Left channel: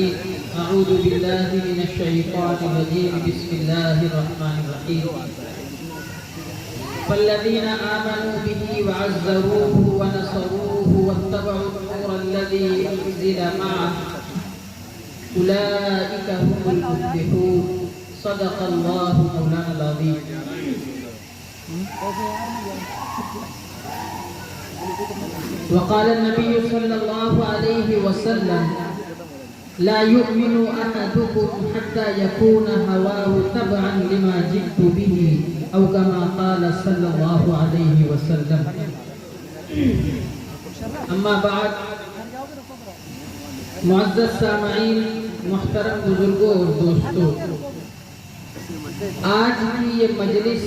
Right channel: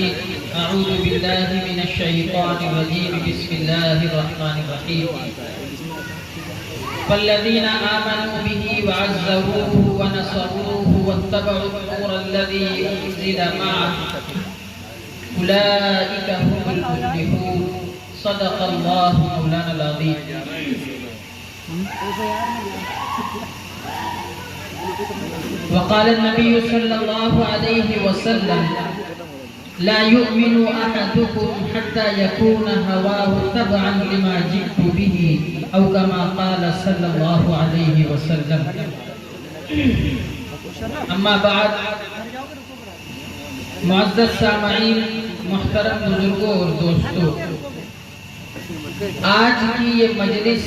العليم. أعوذ بالله من الشيطان الرجيم. بسم الله الرحمن الرحيم. فالذين آمنوا به وعزروه ونصروه واتبعوا النور الذي أنزل معه أولئك هم المفلحون. صدق الله مولانا العظيم. وقال النبي صلى الله عليه وسلم: لا يؤمن أحدكم حتى يكون هواه تبعا لما جئت به، أو كما قال صلى الله عليه وسلم. اما بعد، معزز سامعین، محترم بزرگوں اور دوستوں، آج کی یہ مجلس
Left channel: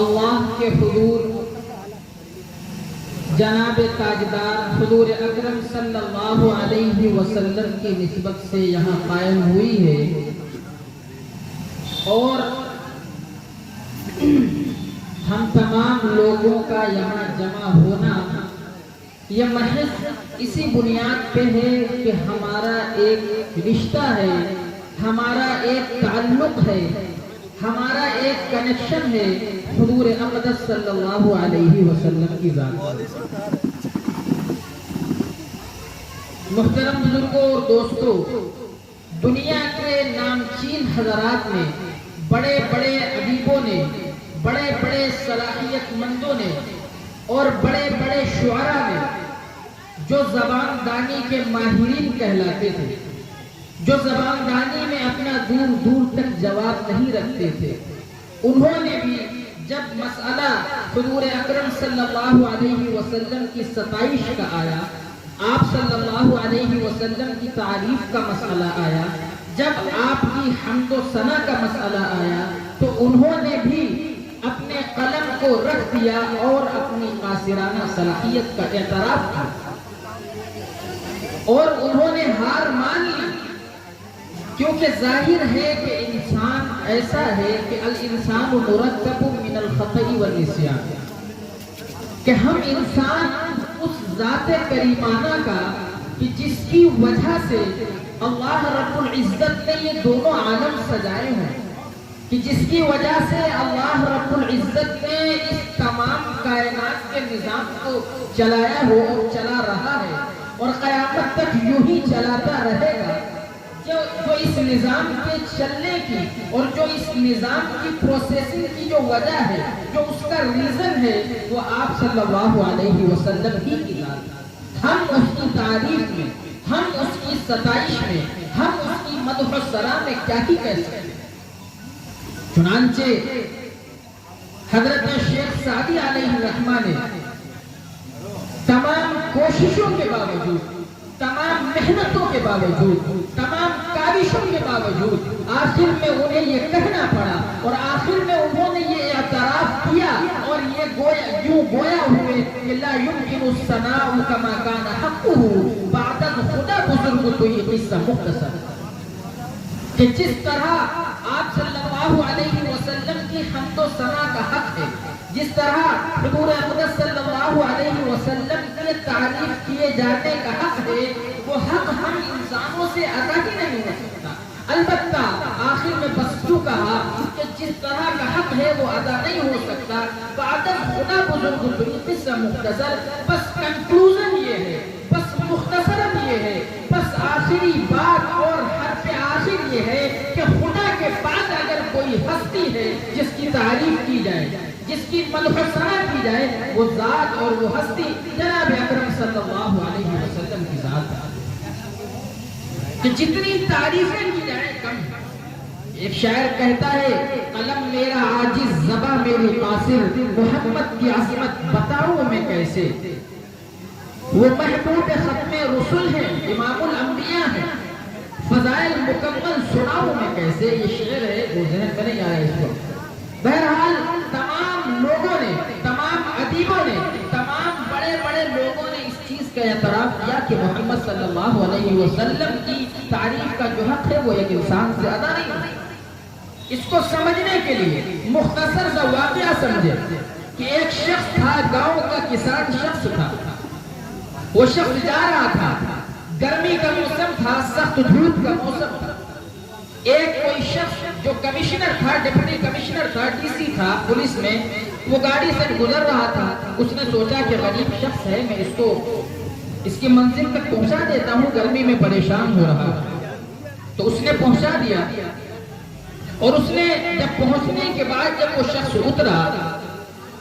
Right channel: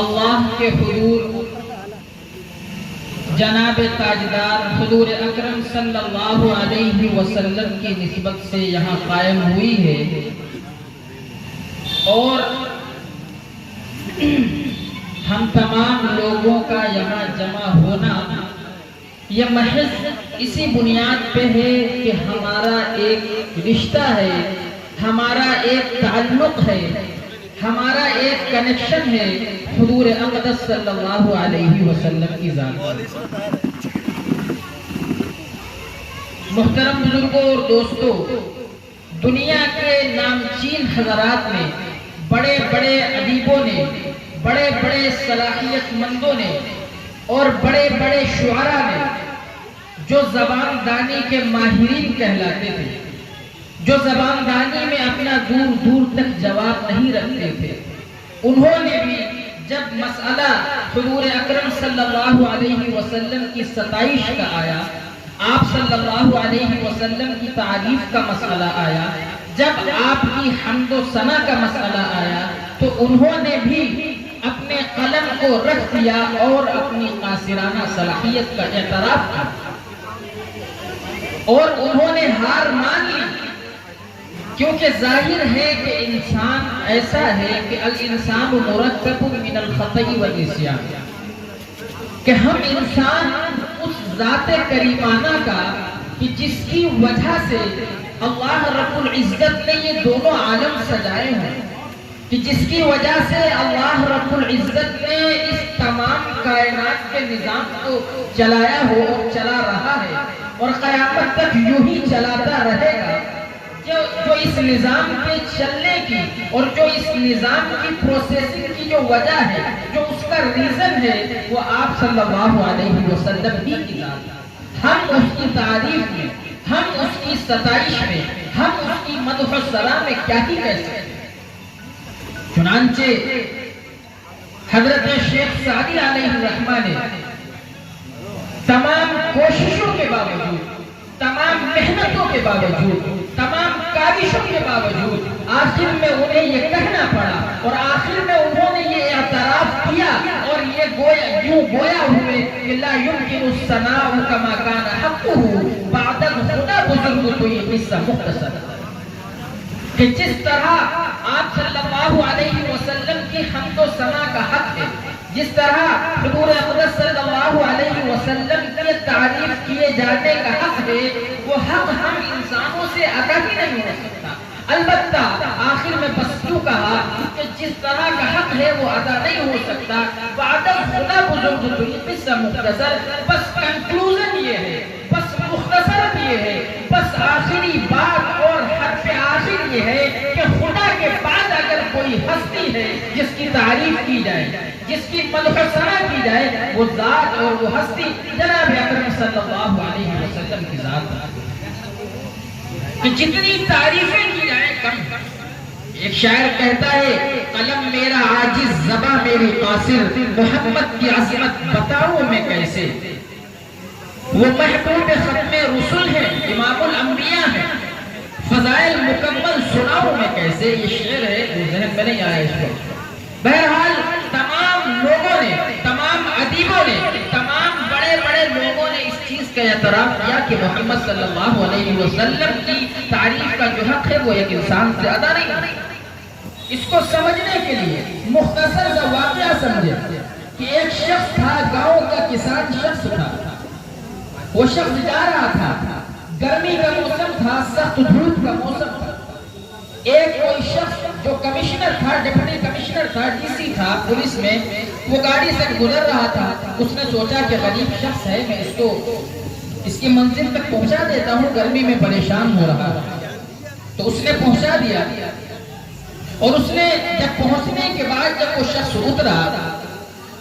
اللہ کے حضور جناب تاجدار حضور اکرم صلی اللہ علیہ وسلم کی نسبت سے یہاں قائم ہوئی ہے، اور ہم تمام لوگوں کا یہاں جمع ہونا یہ محض اسی بنیاد پہ ہے کہ ہمارا ایک رشتہ ہے، ہمارا ایک تعلق ہے، ہمارا ایک کنیکشن ہے حضور اقدس صلی اللہ علیہ وسلم کی ذات۔ محترم بزرگوں اور دوستوں، دنیا کے نامچین حضرات نے، بڑے بڑے ادیبوں نے، بڑے بڑے صلاحیت مندوں نے اور بڑے بڑے شعراء نے، جو زبان دانی کے ماہرین کہلاتے تھے، جو زبان دانی میں اپنا دور دور تک جواب نہیں رکھتے تھے، انہوں نے بھی جب مسئلہ حضور اکرم صلی اللہ علیہ وسلم کی ستائش کا آیا، آپ صلی اللہ علیہ وسلم کی تعریف کا مسئلہ آیا، جب آپ کی حمد و ثنا کا مسئلہ آیا، تو انہوں نے بھی اپنے قلم کو رکھ دیا اور اپنی قاصرانہ صلاحیت کا اعتراف کیا، اور انہوں نے ہار مان لی، کیونکہ ظاہر ہے کہ انسان ایسا ہے کہ الانسان مرکب من الخطأ والنسیان، کہ ہم انسان اس ذات کریمانہ کا کہ جس کی وجہ سے اللہ رب العزت نے یہ دونوں عالم سجائے ہیں، کہ جس کی وجہ سے اللہ رب العزت نے اس تمام کائنات کے نظام کو چلایا ہو اور چلا رہا ہے، اور قیامت تک یوں ہی چلاتا رہے گا، جو اس نظام کے چلنے کی اور جو اس نظام کی پروسیسنگ کی جو وجہ ہے، جو اس کا ریزن ہے، وہ آپ صلی اللہ علیہ وسلم ہی کی ذات ہے۔ ہم اس کی تعریف میں، ہم اس کی ستائش میں، ہم اس کی مدح و ثنا میں کیا ہی کہہ سکتے ہیں۔ چنانچہ حضرت شیخ سعدی علیہ الرحمہ نے تمام کوششوں کے باوجود، تمام محنتوں کے باوجود، تمام کاوشوں کے باوجود، آخر میں انہیں یہ کہنا پڑا، اور آخر میں انہوں نے یہ اعتراف کیا اور یہ یوں گویا ہوئے کہ لا يمكن الثناء كما كان حقه بعد الخدا بزرگ تو یہ قصہ مختصر، کہ جس طرح آپ صلی اللہ علیہ وسلم کی حمد و ثنا کا حق ہے، جس طرح حضور اقدس صلی اللہ علیہ وسلم کی تعریف کیے جانے کا حق ہے، وہ حق ہم انسانوں سے ادا ہی نہیں ہو سکتا۔ البتہ آخر میں بس کیوں کہا کہ جس طرح کا حق ہے وہ ادا نہیں ہو سکتا، بعد خدا بزرگ تو یہ قصہ مختصر، بس کنکلوژن یہ ہے، بس مختصر یہ ہے، بس آخری بات اور حرف آخر یہ ہے کہ خدا کے بعد اگر کوئی ہستی ہے جس کی تعریف کی جائے، جس کی مدح و ثنا کی جائے، وہ ذات اور وہ ہستی جناب اکرم صلی اللہ علیہ وسلم کی ذات ہے، کہ جتنی تعریفیں کی جائیں کم۔ ایک شاعر کہتا ہے: قلم میرا عاجز، زباں میری قاصر، محمد کی عظمت بتاؤں میں کیسے، وہ محبوب ختم رسول ہے، امام الانبیاء ہے، فضائل مکمل سناؤں میں کیسے۔ یہ شعر ہے، وہ ذہن میں نہیں آیا اس وقت۔ بہرحال تمام لوگوں نے، تمام ادیبوں نے، تمام بڑے بڑے لوگوں نے اس چیز کا اعتراف کیا کہ محمد صلی اللہ علیہ وسلم کی تعریف کا جو حق ہے وہ ایک انسان سے ادا نہیں ہے۔ اس کو سمجھنے کے لیے مختصر سا واقعہ سمجھے کہ ایک شخص تھا، گاؤں کا کسان شخص تھا، وہ شخص جا رہا تھا، गर्मी का मौसम था, सख्त धूप का मौसम था। एक कोई शख्स जो कमिश्नर था, डिप्टी कमिश्नर था, डीसी था पुलिस में, वो गाड़ी से गुजर रहा था। उसने सोचा कि गरीब शख्स है, मैं इसकी मंजिल तक पहुंचा देता हूँ, गर्मी में परेशान हो रहा है। तो उसने पहुंचा दिया। और उसने जब पहुंचने के बाद जब वो शख्स उतरा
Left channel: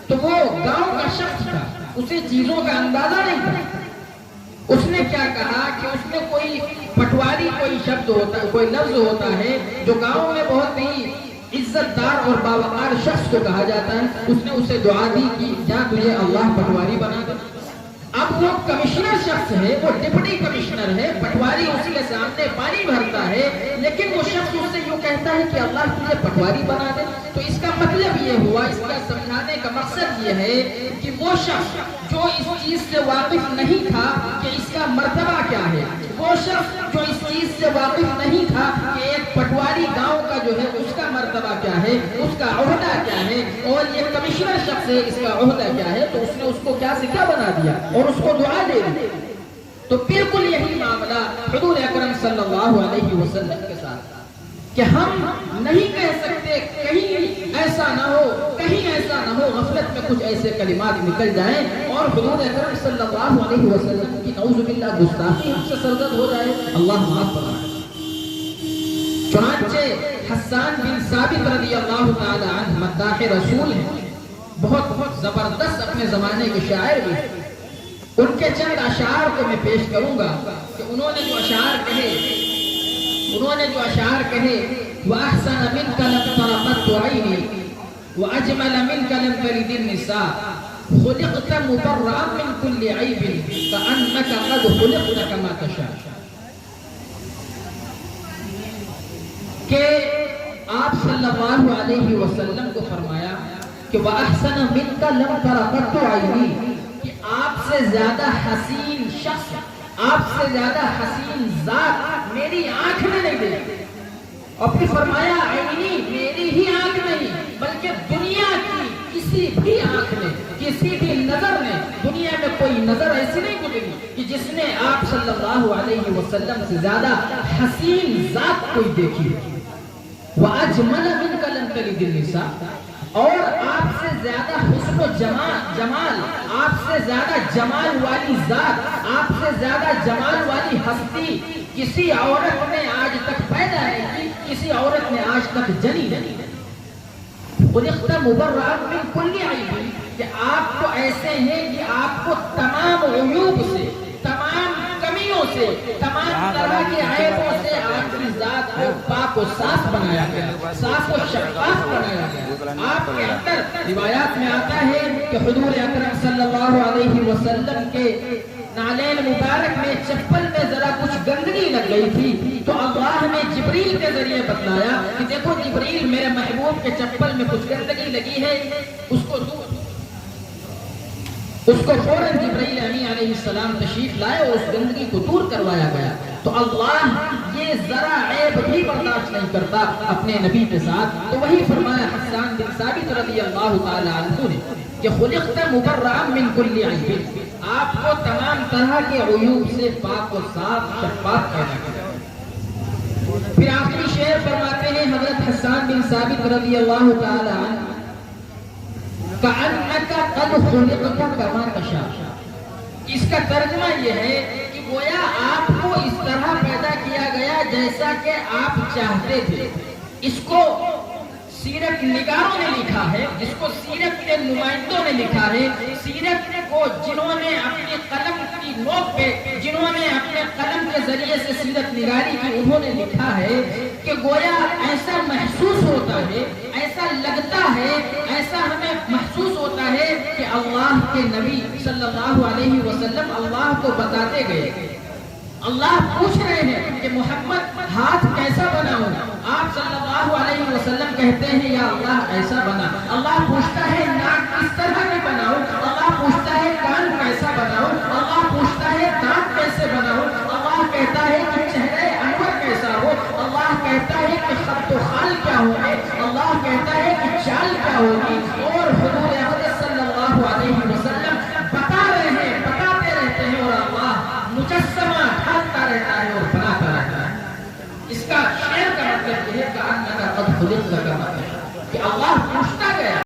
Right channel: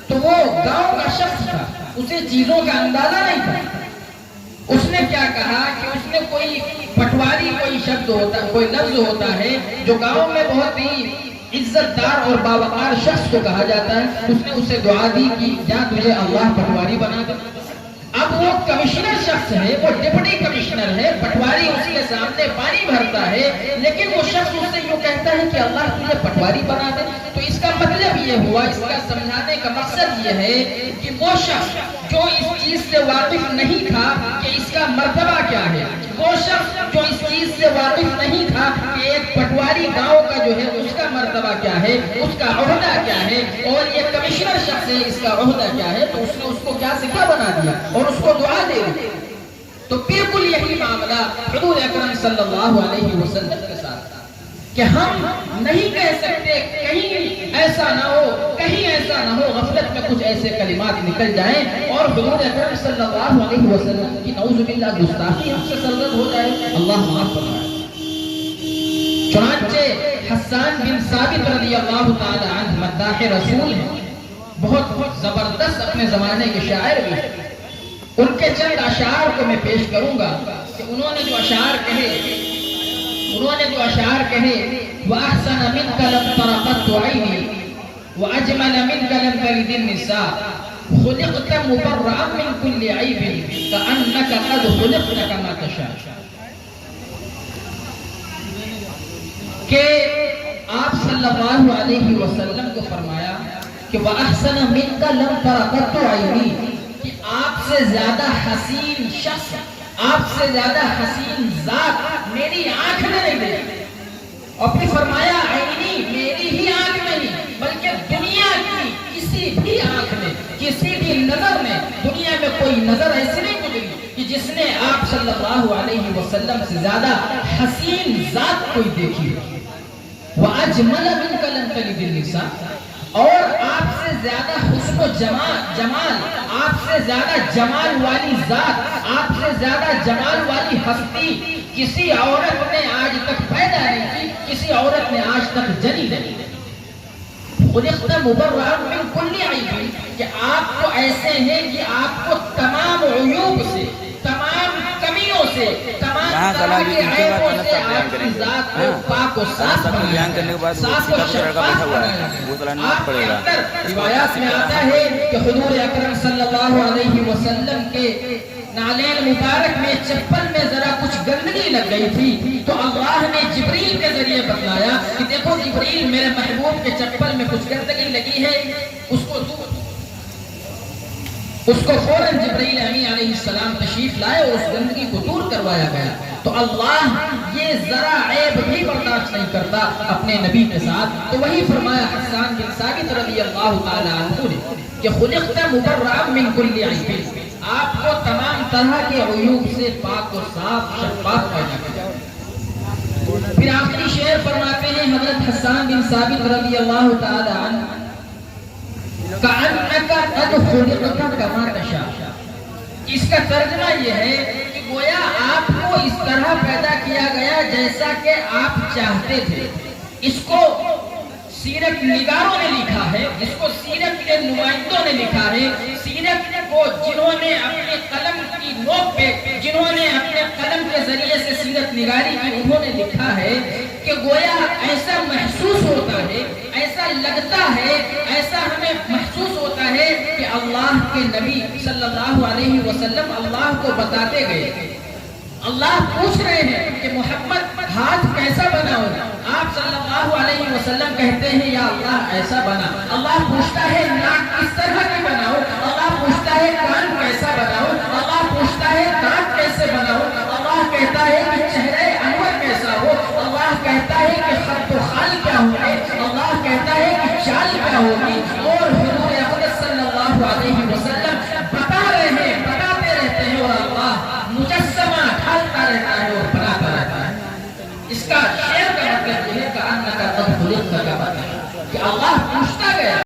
तो वो गांव का शख्स था, उसे चीजों का अंदाजा नहीं था। उसने क्या कहा कि उसने कोई पटवारी कोई शब्द होता, कोई लफ्ज होता है जो गांव में बहुत ही इज्जतदार और बावकार शख्स को कहा जाता है। उसने उसे दुआ दी कि जा तुझे अल्लाह पटवारी बना दे। अब वो कमिश्नर शख्स है, वो डिप्टी कमिश्नर है, पटवारी उसी के सामने पानी भरता है, लेकिन वो शख्स उससे यूँ कहता है कि अल्लाह तुझे पटवारी बना दे। तो इसका मतलब ये हुआ, इसका समझाने का मकसद ये है कि वो शख्स जो इस चीज से वाकिफ नहीं था कि इसका मर्तबा क्या है, वो शख्स जो इस चीज से वाकिफ नहीं था कि एक पटवारी गांव का जो है उसका मर्तबा क्या है, उसका ओहदा क्या है, और ये कमिश्नर शख्स है इसका ओहदा क्या है, तो उसने उसको क्या से क्या बना दिया और उसको दुआ दे दी। तो बिल्कुल यही मामला हुजूर अकरम सल्लल्लाहु अलैहि वसल्लम के साथ कि हम नहीं कह सकते, कहीं ऐसा ना हो, कहीं ऐसा ना हो गफलत में कुछ ऐसे कलिमात निकल जाएं और हुजूर अकरम सल्लल्लाहु अलैहि वसल्लम की नऊजुबिल्लाह गुस्ताखी हमसे सरजद हो जाए। अल्लाह माफ फरमाए। चुनांचे हस्सान बिन साबित रज़ियल्लाहु ताला अन्हु मद्दाह रसूल हैं, बहुत जबरदस्त अपने जमाने के शायर भी हैं। उनके चंद अशार को मैं पेश करूंगा कि उन्होंने जो अशार कहे वअहसन मिनका लब तरक़त ऐनी वअजमल मिनका लब तलिद निसा खुलिक़त मुबर्रअन मिन कुल्लि ऐबिन कअन्नका क़द खुलिक़त कमा तशा। के आप सल्लल्लाहु अलैहि वसल्लम को फरमाया कि वअहसन मिनका लब तरक़त ऐनी, कि आपसे ज्यादा हसीन शख्स, आपसे ज्यादा हसीन जात मेरी आंख में नहीं देखी। और फिर फरमाया ऐनी, मेरी ही आंख नहीं बल्कि दुनिया की किसी भी आंख में, किसी भी नजर में, दुनिया में कोई नजर ऐसी नहीं गुजरी कि जिसने आप सल्लल्लाहु अलैहि वसल्लम से ज्यादा हसीन जात कोई देखी हो। वअजमल मिनका लब तलिद निसा, और आपसे ज्यादा हुस्न जमाल, आपसे ज्यादा जमाल वाली जात, आपसे ज्यादा जमाल वाली हस्ती किसी औरत ने आज तक पैदा नहीं की, किसी औरत ने आज तक जनी नहीं। खुलिक़त मुबर्रअन मिन कुल्लि ऐबिन, कि आप तो ऐसे हैं कि आपको तमाम उयूब से, तमाम कमियों से, तमाम तरह के ऐबों से आपकी जात को पाक और साफ बनाया गया, साफ और शफ़ाफ बनाया गया। आपके अंदर रिवायात में आता है कि हुजूर अकरम सल्लल्लाहु अलैहि वसल्लम के नालैन मुबारक में, चप्पल में जरा कुछ गंदगी लग गई थी, तो अल्लाह ने जिब्रील के जरिए बतलाया कि देखो जिब्रील, मेरे महबूब के चप्पल में कुछ गंदगी लगी है, उसको फौरन जिब्रील अलैहिस्सलाम तशरीफ लाए और उस गंदगी को दूर करवाया गया। तो अल्लाह ये जरा ऐब भी बर्दाश्त नहीं करता अपने नबी के साथ। तो वही फरमाया हस्सान बिन साबित रज़ियल्लाहु ताला अन्हु ने कि खुलिक़त मुबर्रअन मिन कुल्लि ऐबिन, आपको तमाम तरह के उयूब से पाक और साफ शफ़ाफ पैदा किया। फिर आखिरी शेर फरमाते हैं हज़रत हस्सान बिन साबित रज़ियल्लाहु ताला अन्हु, कअन्नका क़द खुलिक़त कमा तशा। इसका तर्जुमा यह है कि गोया आपको इस तरह पैदा किया गया जैसा कि आप चाहते थे। इसको सीरत निगारों ने लिखा है, इसको सीरत के नुमाइंदों ने लिखा है, सीरत को जिन्होंने अपने कलम की नोक पे, जिन्होंने अपने कलम के जरिए से सीरत निगारी की, उन्होंने लिखा है कि गोया ऐसा महसूस होता है, ऐसा लगता है, ऐसा हमें महसूस होता है कि अल्लाह के नबी सल्लल्लाहु अलैहि वसल्लम अल्लाह को बताते गए। अल्लाह पूछ रहे हैं कि मोहम्मद हाथ कैसा बनाओ, आप सल्लल्लाहु अलैहि वसल्लम कहते हैं या अल्लाह ऐसा बना। अल्लाह पूछता है नाक किस तरह की बनाओ, अल्लाह पूछता है कान कैसा बनाओ, अल्लाह पूछता है दांत कैसे बनाओ, अल्लाह कहता है कि चेहरे अनवर कैसा हो, अल्लाह कहता है कि खत खाल क्या होंगे, अल्लाह कहता है कि चाल क्या होगी। और हुजूर अकरम सल्लल्लाहु अलैहि वसल्लम बता रहे हैं, बताते रहते हैं और अल्लाह मुजस्समा ढालता خلقت كما تشاء کہ اللہ پوچھتا